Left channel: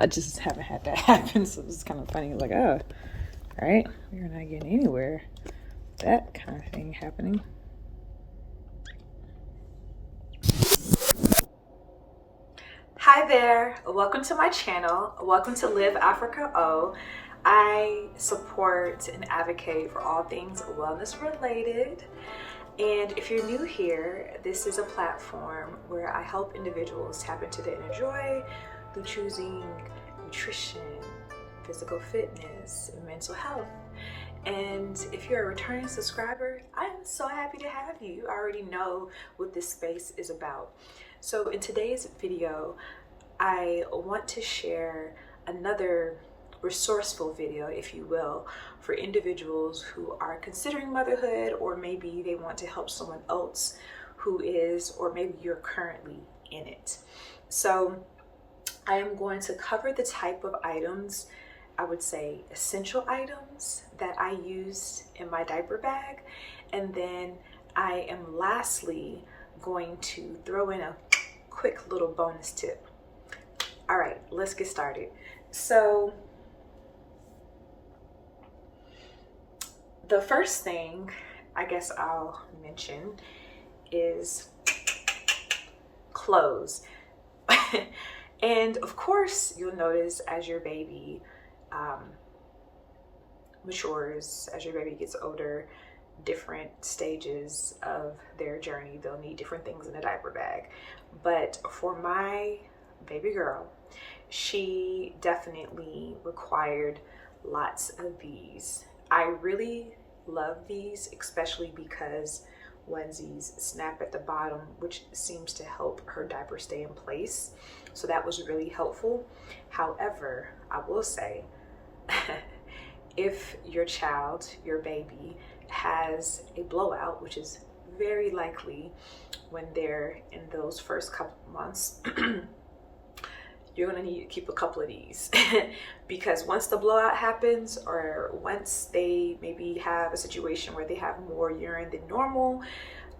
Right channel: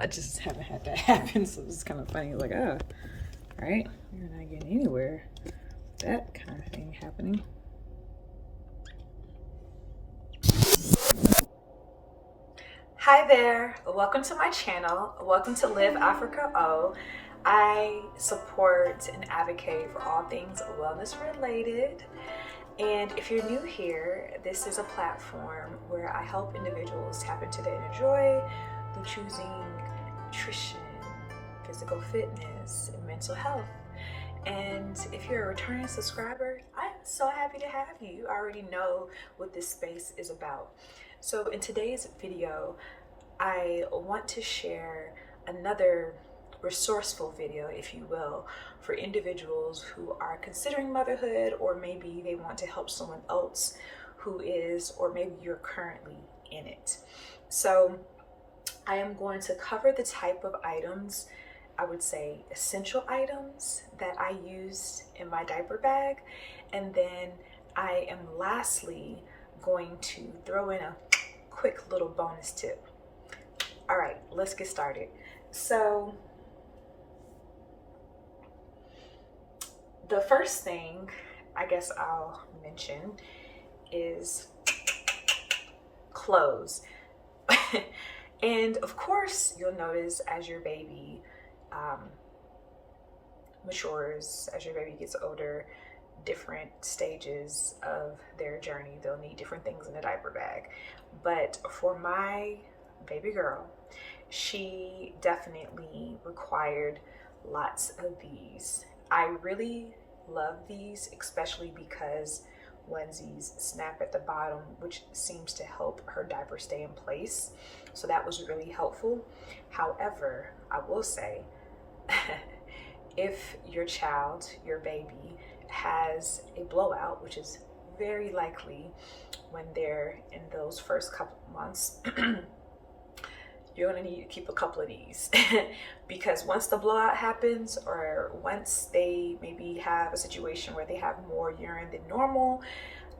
I just haven't had that happen, so it's kind of funny. Like, oh, all right, we're not getting anywhere. That kind of thing happening. Hi there, welcome to my channel. Welcome to Live Africa O. I support and advocate for all things wellness related. And if you're new here, this is a platform where I help individuals tap into their inner joy through choosing nutrition, physical fitness, and mental health. And if you're a returning subscriber, I'm so happy to have you. You already know what this space is about. So in today's video, I want to share another resourceful video, if you will, for individuals who are considering motherhood, or maybe they want to help someone else who is, or maybe you're currently in it. So I am going to cover the type of items, I would say essential items, that I use in my diaper bag. And then I am lastly going to throw in a quick little bonus tip. All right, let's get started. So the first thing I guess I'll mention is clothes. And of course, you'll notice as your baby matures, as your baby gets older, different stages of their journey, they'll need different things in a diaper bag. But for my baby girl, she definitely required lots of these. I really love these, especially because onesies snap at the bottom, which seems to help her diaper stay in place. So that was really helpful. However, I will say, if your child, your baby, has a blowout, which is very likely when they're in those first couple months, you're gonna need to keep a couple of these because once the blowout happens, or once they maybe have a situation where they have more urine than normal,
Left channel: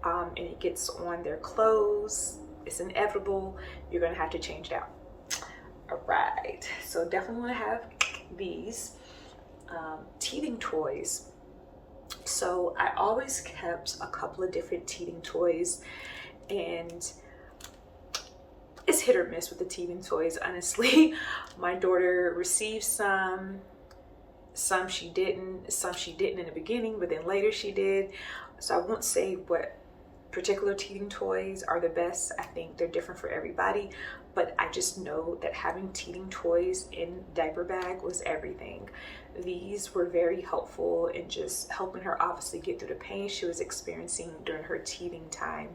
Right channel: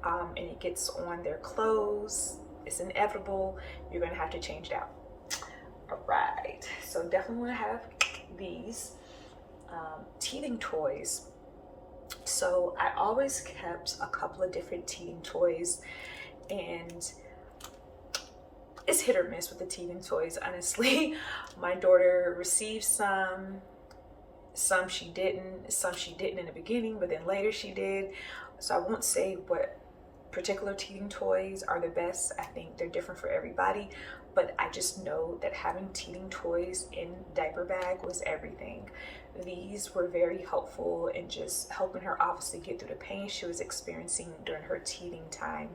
and it gets on their clothes, it's inevitable, you're gonna have to change it out. All right, so definitely wanna have these. Teething toys. So I always kept a couple of different teething toys, and it's hit or miss with the teething toys, honestly. My daughter received some she didn't in the beginning, but then later she did. So I won't say what particular teething toys are the best. I think they're different for everybody, but I just know that having teething toys in diaper bag was everything. These were very helpful in just helping her obviously get through the pain she was experiencing during her teething time.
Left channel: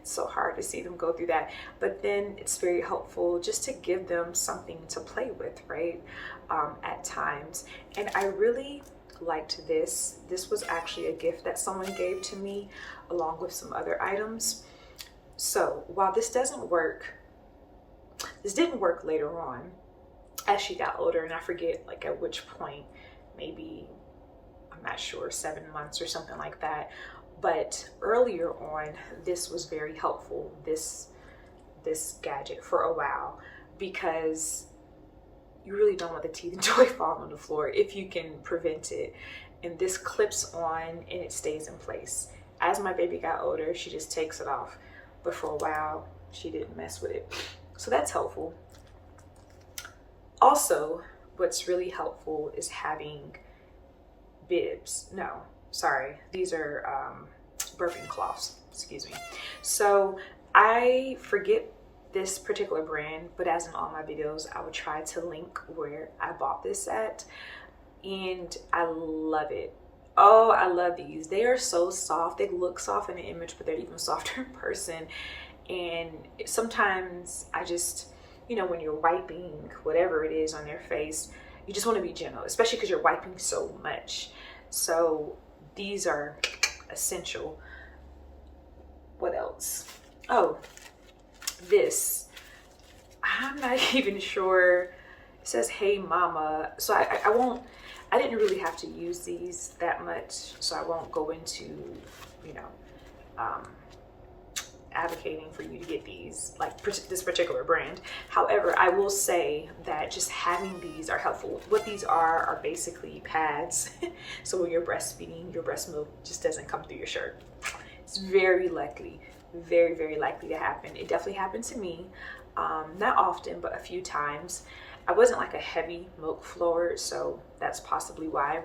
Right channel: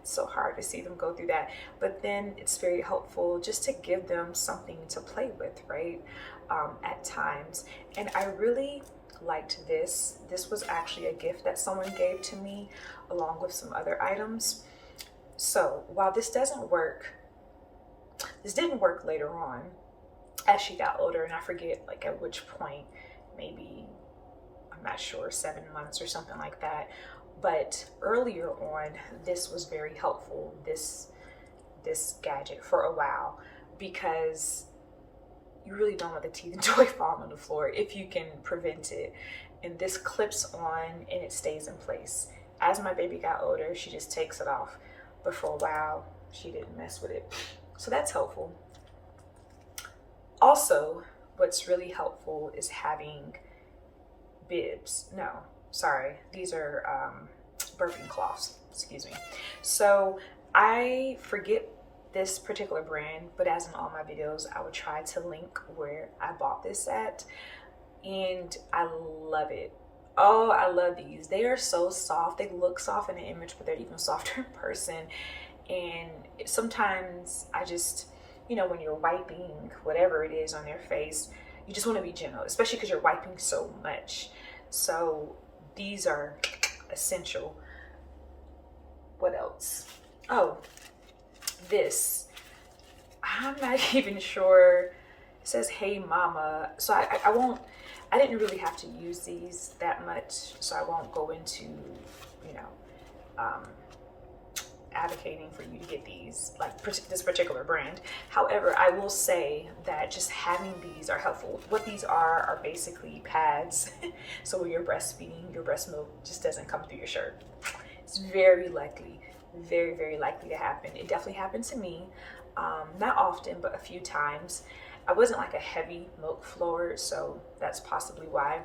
It's so hard to see them go through that, but then it's very helpful just to give them something to play with, right? At times. And I really liked this. This was actually a gift that someone gave to me along with some other items. So while this didn't work later on as she got older, and I forget like at which point, maybe, I'm not sure, 7 months or something like that. But earlier on, this was very helpful, this gadget, for a while, because you really don't want the teething toy falling on the floor if you can prevent it. And this clips on and it stays in place. As my baby got older, she just takes it off. But for a while, she didn't mess with it. So that's helpful. Also, what's really helpful is having bibs. No, sorry, these are burping cloths, excuse me. So I forget this particular brand, but as in all my videos, I would try to link where I bought this at, and I love it. Oh, I love these. They are so soft. They look soft in the image, but they're even softer in person. And sometimes I just, when you're wiping whatever it is on their face, you just want to be gentle, especially because you're wiping so much. So these are essential. What else? Oh, this. I'm not even sure. It says, "Hey Mama." So I didn't really have to use these that much, so I won't go into, advocating for you to get these, like this particular brand. However, I will say that just having these are helpful. What these are basically pads. So when you're breastfeeding, your breast milk just doesn't come through your shirt. It's very likely, very, very likely to happen. It definitely happened to me. Not often, but a few times. I wasn't like a heavy milk flower, so that's possibly why.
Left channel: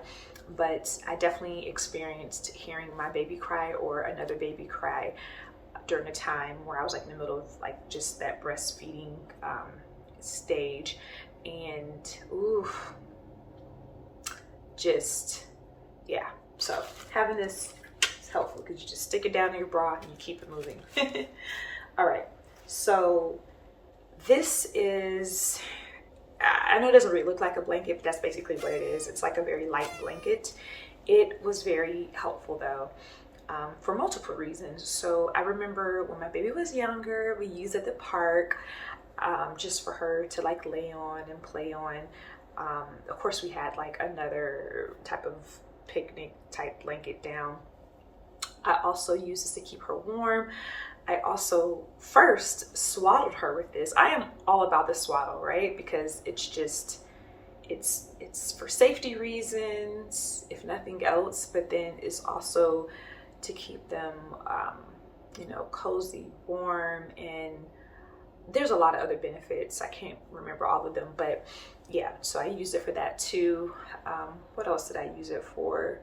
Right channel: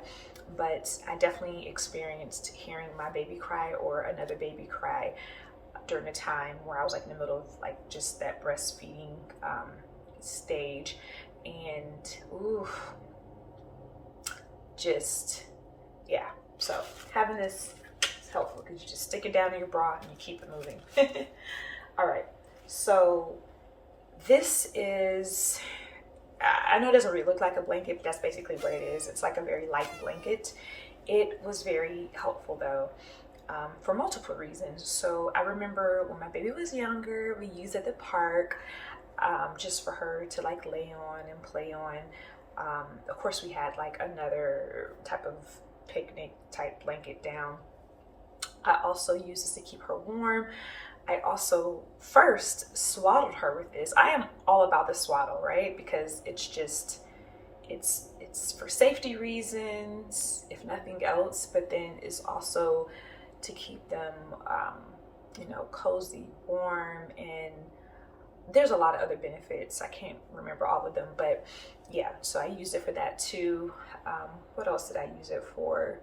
But I definitely experienced hearing my baby cry or another baby cry during a time where I was like in the middle of like just that breastfeeding stage. And ooh, just, yeah. So having this is helpful because you just stick it down in your bra and you keep it moving. All right, so this is, I know it doesn't really look like a blanket, but that's basically what it is. It's like a very light blanket. It was very helpful though, for multiple reasons. So I remember when my baby was younger, we used it at the park, just for her to like lay on and play on. Of course we had like another type of picnic type blanket down. I also used this to keep her warm. I also first swaddled her with this. I am all about the swaddle, right? Because it's just, it's for safety reasons, if nothing else, but then it's also to keep them, you know, cozy, warm, and there's a lot of other benefits. I can't remember all of them, but yeah, so I used it for that too. What else did I use it for?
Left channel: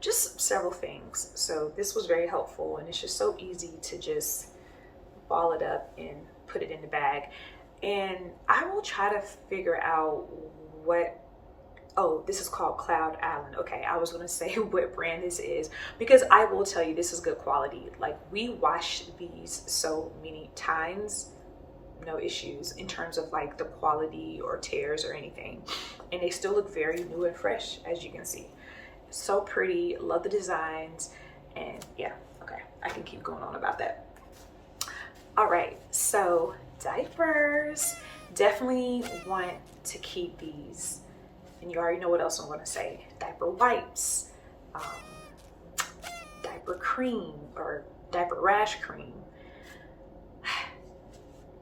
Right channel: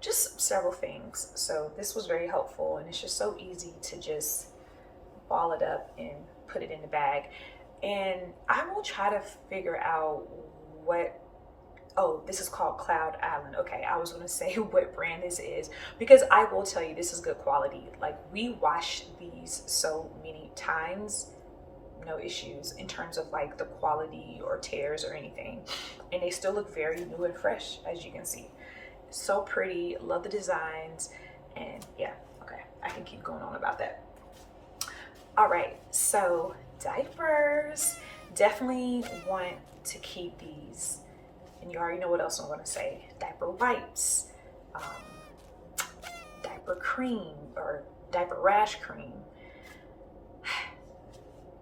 Just several things. So this was very helpful, and it's just so easy to just ball it up and put it in the bag. And I will try to figure out what, oh, this is called Cloud Island. Okay, I was gonna say what brand this is, because I will tell you this is good quality. Like, we wash these so many times, no issues in terms of like the quality or tears or anything, and they still look very new and fresh, as you can see. So pretty, love the designs, and yeah, okay, I can keep going on about that. All right, so diapers, definitely want to keep these, and you already know what else I'm going to say. Diaper wipes, diaper cream or diaper rash cream.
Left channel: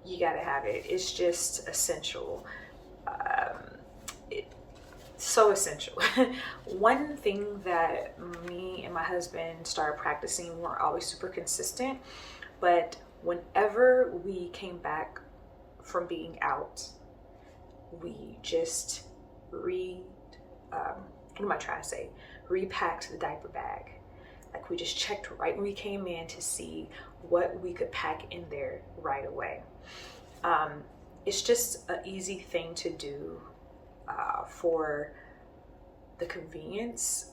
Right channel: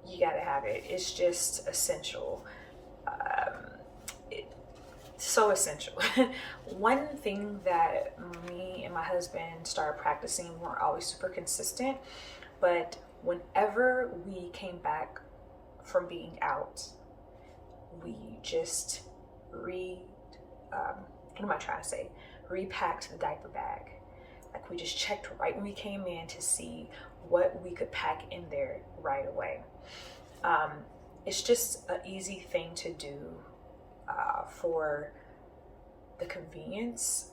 You gotta have it. It's just essential. So essential. One thing that me and my husband started practicing, we weren't always super consistent, but whenever we came back from being out, we just repacked the diaper bag. Like, we just checked right when we came in to see what we could pack in there right away. It's just an easy thing to do, for the convenience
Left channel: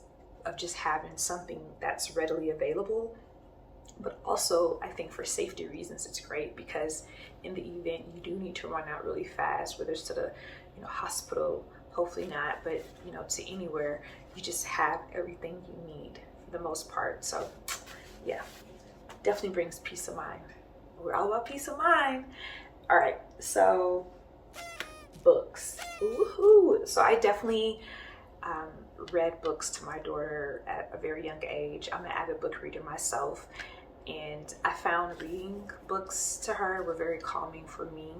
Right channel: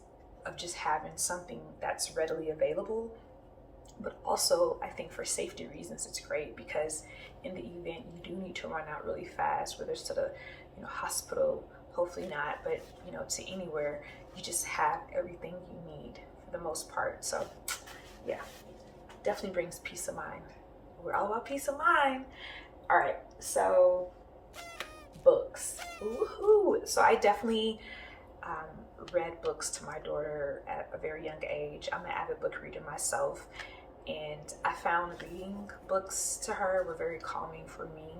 of just having something that's readily available. But also, I think for safety reasons, it's great, because in the event you do need to run out really fast, whether it's to the, you know, hospital, hopefully not, but you know, to anywhere, you just have everything you need for the most part. So yeah, definitely brings peace of mind. We're all about peace of mind. All right, so books. Woohoo! So I definitely read books to my daughter at a very young age. I'm an avid book reader myself, and I found reading books to her were very calming for me.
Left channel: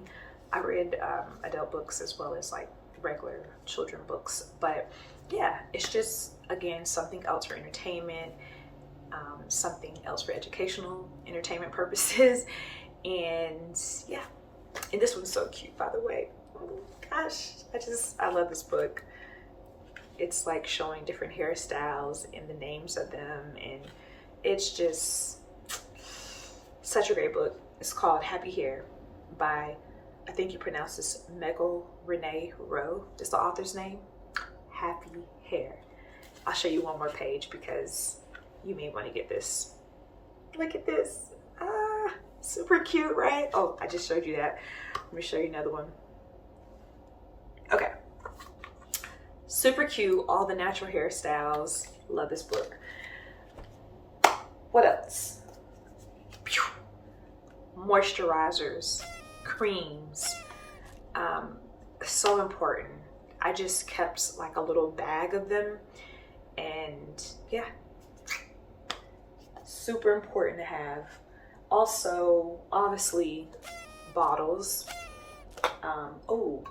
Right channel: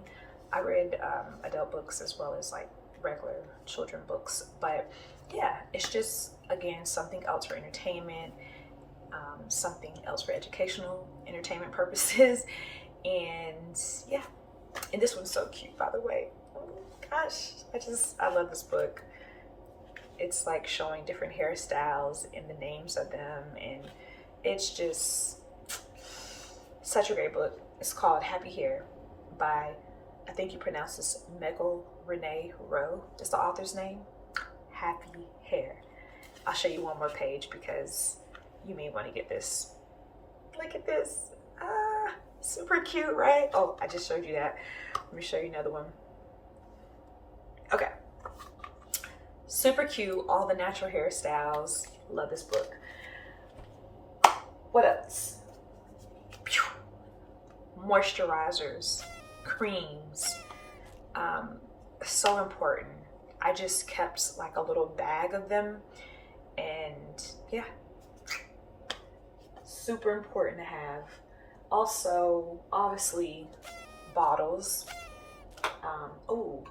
I read adult books as well as like regular children books, but yeah, it's just, again, something else for entertainment, something else for educational entertainment purposes. And yeah, and this one's so cute, by the way. Oh gosh, I love this book. It's like showing different hairstyles and the names of them, and it's just such a great book. It's called Happy Hair by, I think you pronounce this, Megal Renee Rowe. That's the author's name. Happy Hair. I'll show you one more page because you may want to get this. Look at this. Super cute, right? Oh, I just showed you that. Let me show you another one. Okay. Super cute, all the natural hairstyles. Love this book. What else? Moisturizers, creams, so important. I just kept like a little bag of them, and yeah, super important to have. Also, obviously, bottles. Oh,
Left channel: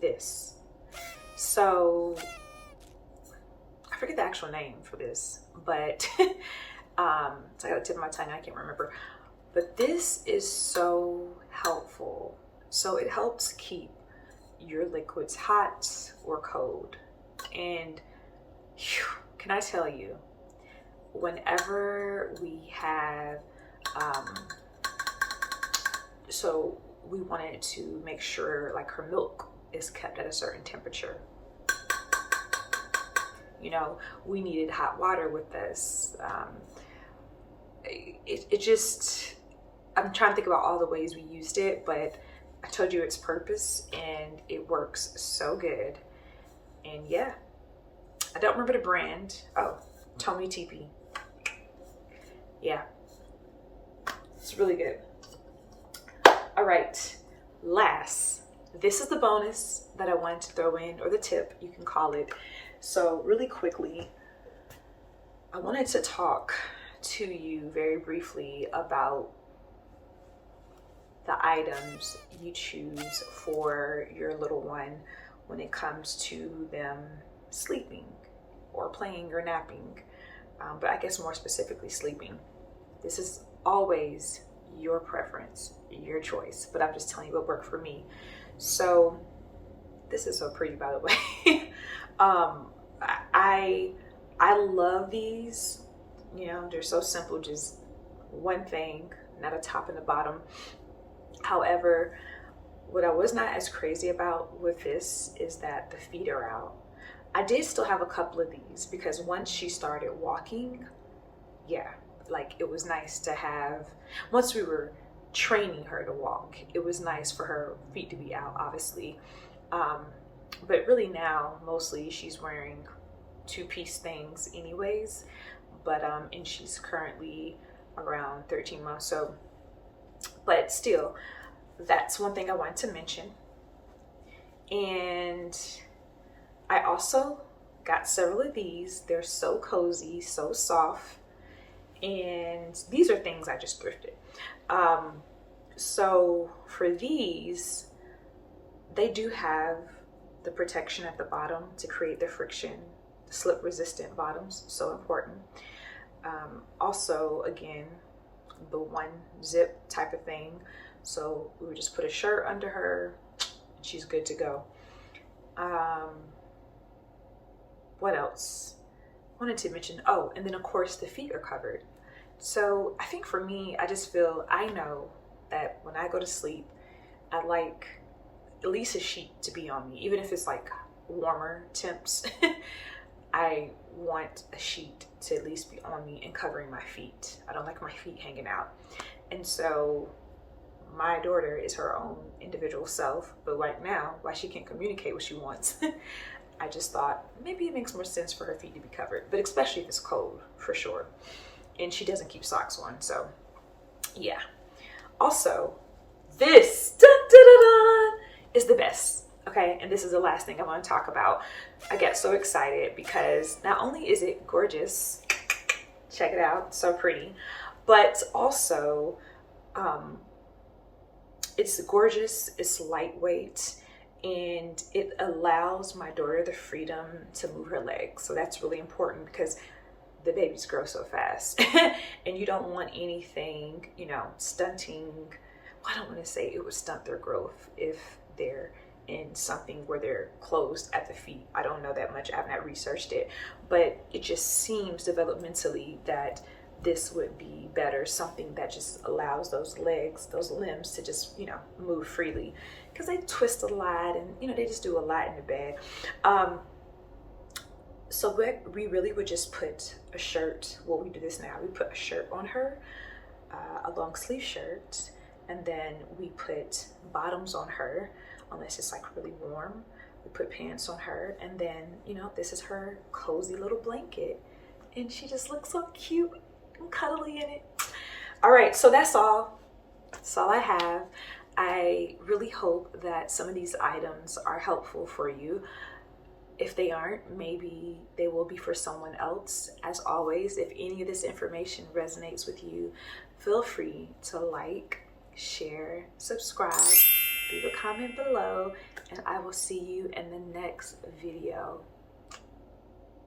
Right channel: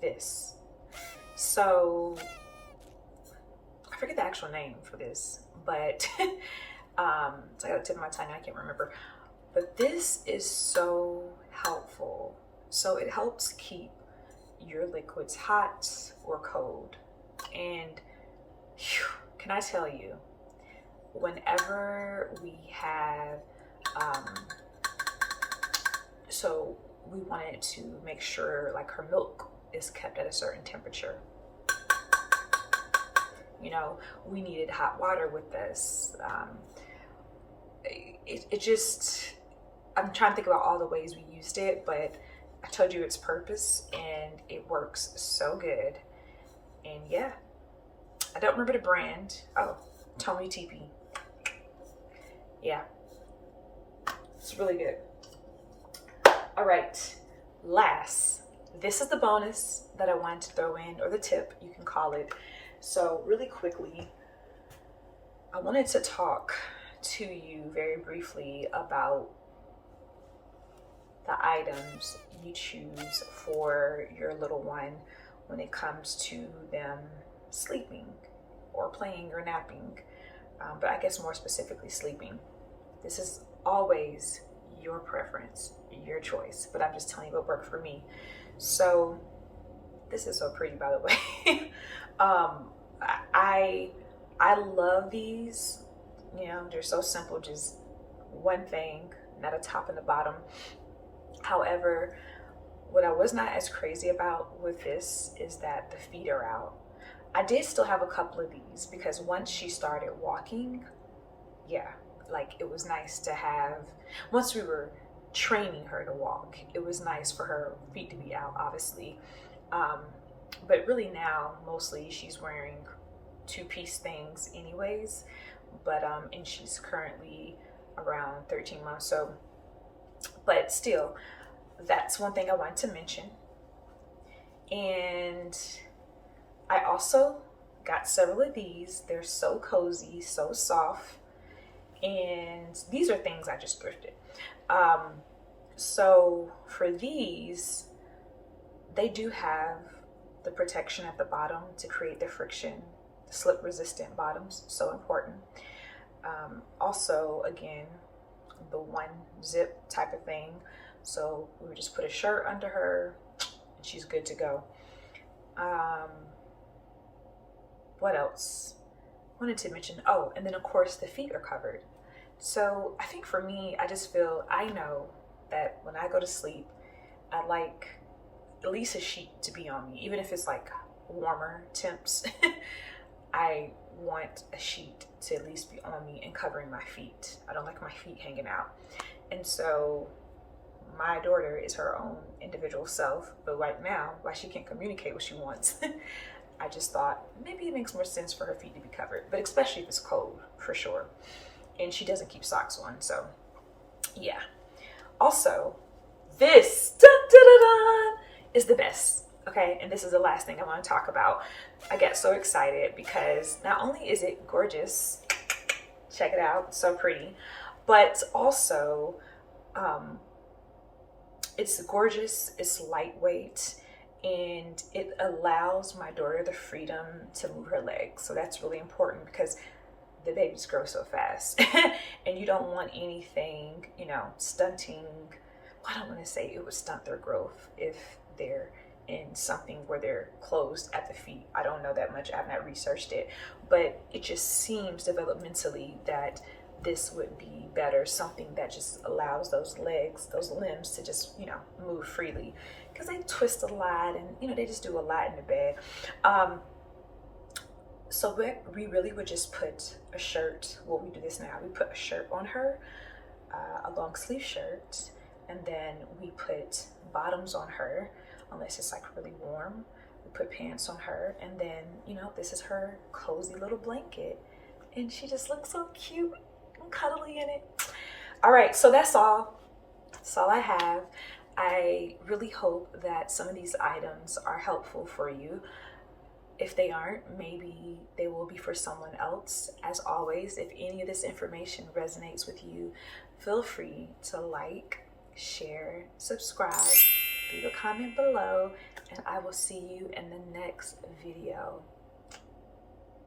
this. So I forget the actual name for this, but it's like at the tip of my tongue, I can't remember. But this is so helpful. So it helps keep your liquids hot or cold. And whew, can I tell you, whenever we have, so we wanted to make sure like her milk is kept at a certain temperature. You know, we needed hot water with this. It just, I'm trying to think about all the ways we used it, but I told you its purpose and it works so good. And yeah, I don't remember the brand. Oh, Tony TP. Yeah, it's really good. All right, last, this is the bonus that I wanted to throw in, or the tip, you can call it. So really quickly, I wanted to talk to you very briefly about the items you choose for your little one when it comes to them sleeping or playing or napping, but I guess more specifically sleeping. This is always your preference, your choice, but I'm just telling you what worked for me. So this is so pretty, by the way. I love these. You know, they're so simple, just one thing, not a top and a bottom. However, what I was not as crazy about with this is that the feet are out. I did still have a couple of these because once she started walking, yeah, like it was nice to have, once we were training her to walk, it was nice for her feet to be out, obviously. But really now, mostly she's wearing two-piece things anyways, but and she's currently around 13 months, so, but still, that's one thing I wanted to mention. And I also got several of these. They're so cozy, so soft, and these are things I just thrifted. So for these, they do have the protection at the bottom to create the friction, the slip resistant bottoms, so important. Also, again, the one zip type of thing. So we would just put a shirt under her and she's good to go. What else? I wanted to mention, oh, and then of course the feet are covered. So I think for me, I just feel, I know that when I go to sleep, I like at least a sheet to be on me, even if it's like warmer temps. I want a sheet to at least be on me and covering my feet. I don't like my feet hanging out. And so my daughter is her own individual self, but right now, why she can't communicate what she wants, I just thought maybe it makes more sense for her feet to be covered, but especially if it's cold, for sure. And she doesn't keep socks on, so yeah. Also, this dun, dun, dun, dun, is the best. Okay, and this is the last thing I want to talk about. I get so excited because not only is it gorgeous, check it out, so pretty, but also it's gorgeous, it's lightweight, and it allows my daughter the freedom to move her legs. So that's really important because the babies grow so fast and you don't want anything, you know, stunting. Well, I don't want to say it would stunt their growth if they're in something where they're closed at the feet. I don't know that much. I have not researched it, but it just seems developmentally that this would be better, something that just allows those legs, those limbs to just, you know, move freely, because they twist a lot and, you know, they just do a lot in the bed. So we really would just put a shirt, well, we do this now, we put a shirt on her, a long sleeve shirt, and then we put bottoms on her, unless it's like really warm. We put pants on her, and then, you know, this is her cozy little blanket, and she just looks so cute and cuddly in it. All right, so that's all. That's all I have. I really hope that some of these items are helpful for you. If they aren't, maybe they will be for someone else. As always, if any of this information resonates with you, feel free to like, share, subscribe, leave a comment below, and I will see you in the next video.